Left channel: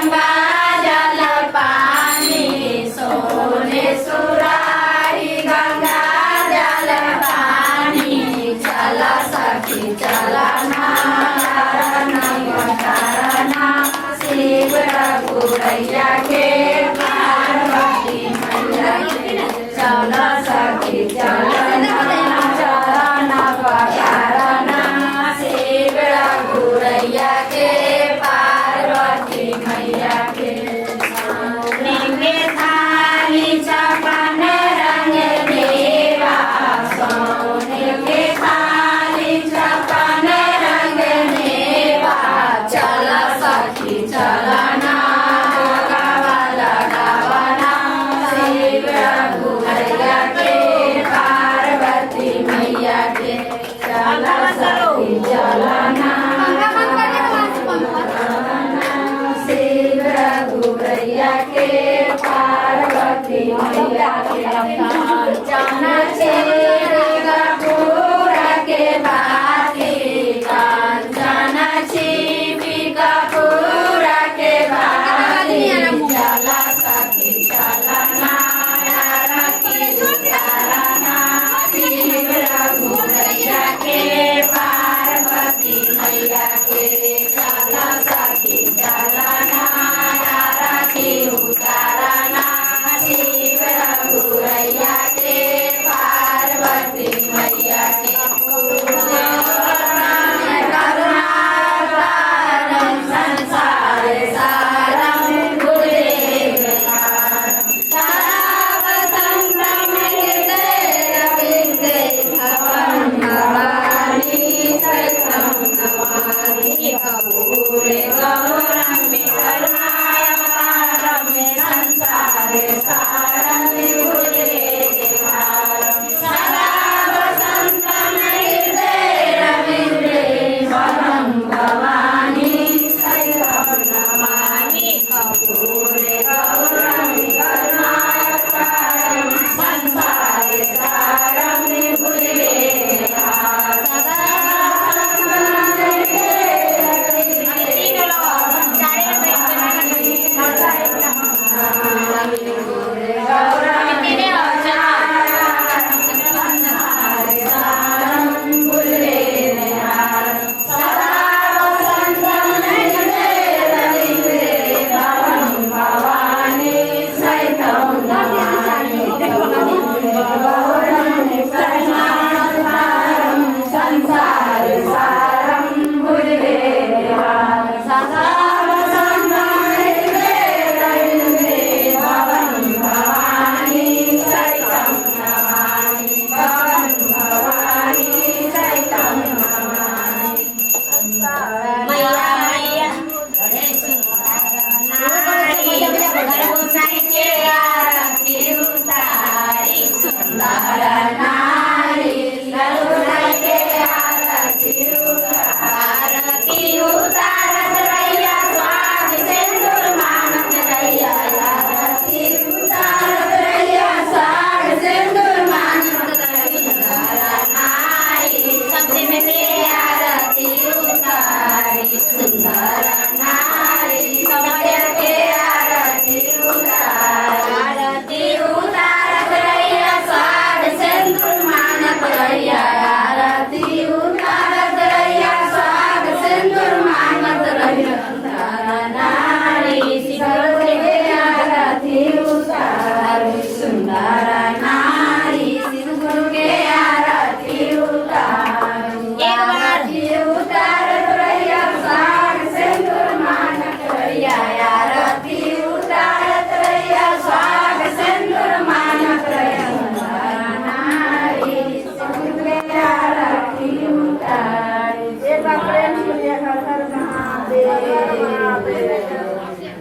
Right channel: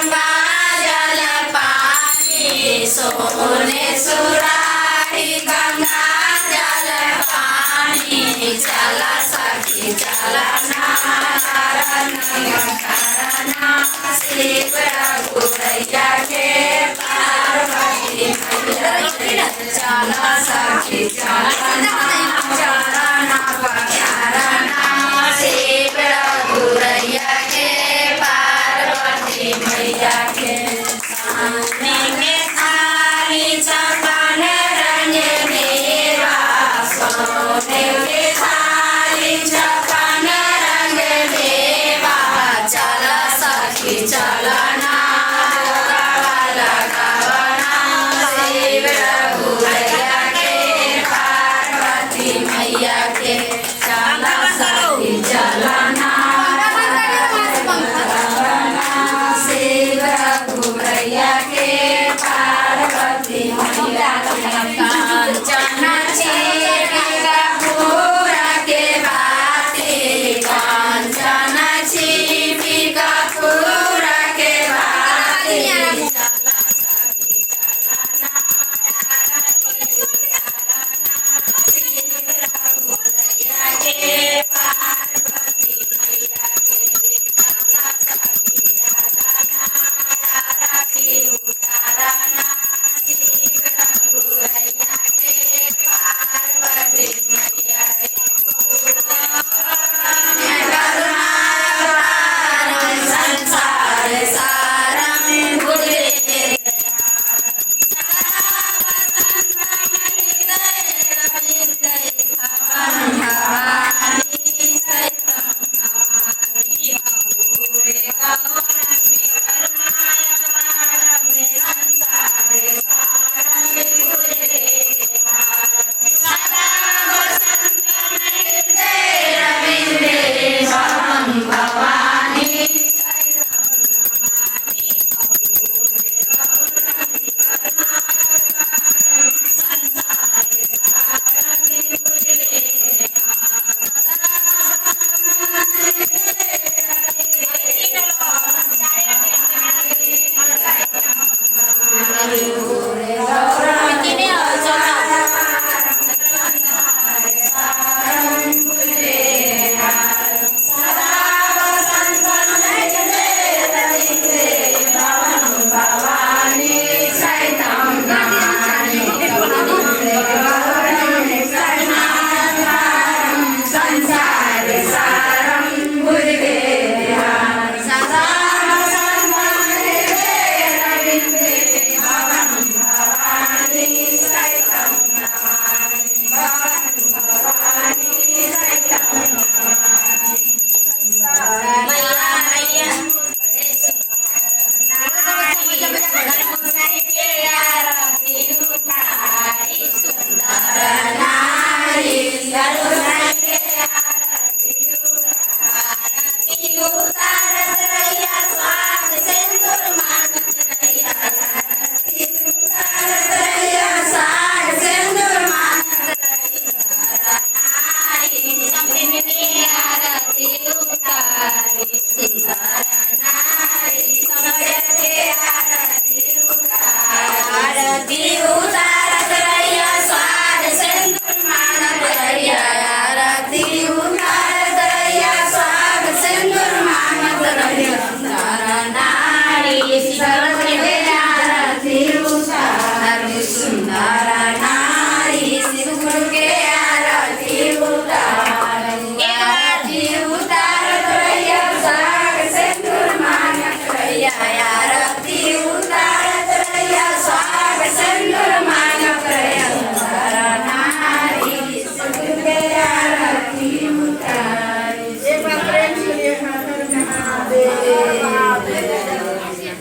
गंगा जल पानी सोने सुराही गंगा जल पानी चला सखी चला नारायण शिव रघुरैया के पार्वती मैया के चला सखी चला चरण पखारना शिव रघुरैया के पार्वती मैया के सोने के थाली चपन रंग मेवा सोने के थाली चपन रंग मेवा चला सखी चला शिव रघुरैया के पार्वती मैया के चला सखी चला शिव रघुरैया के पार्वती मैया के कांचन छिपी कपूर के बाती कांचन छिपी कपूर के बाती चला सखी चला शिव रघुरैया के पार्वती मैया के चला सखी चला उतारना शिव रघुरैया के पार्वती मैया के संसार सारा में गुजरे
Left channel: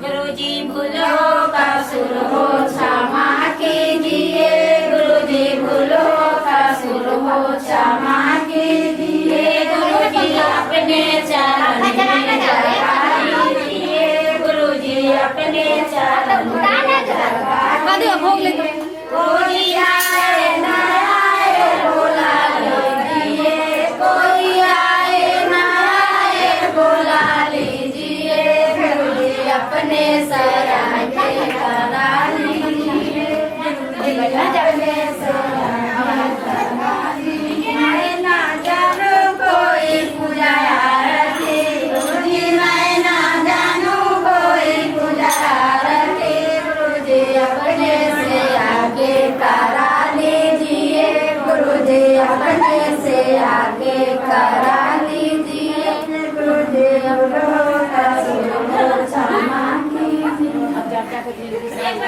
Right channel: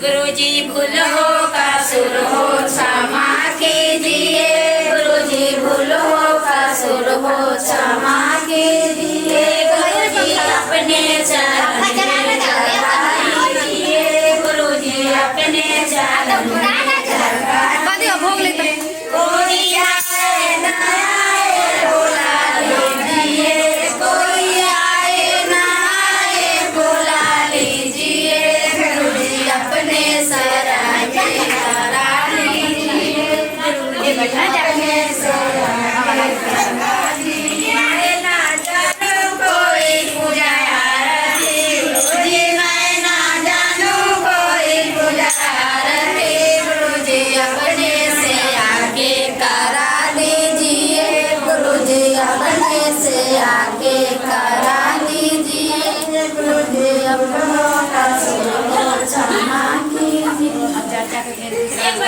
गुरुजी भूल हो कसुर हो क्षमा कीजिए गुरुजी भूल हो कसुर हो क्षमा कीजिए गुरुजी अपने चरण में लगा लीजिए गुरुजी अपने चरण में लगा लीजिए कोई आए ना आए बोला लीजिए कोई आए ना आए बोला लीजिए गुरुजी अपने अपने से आगे करा लीजिए अपने से आगे करा लीजिए मैं ना जानू कोई पूजा आरती गुरुजी मैं ना जानू कोई पूजा आरती गुरुजी अपने से आगे करा लीजिए गुरुजी अपने से आगे करा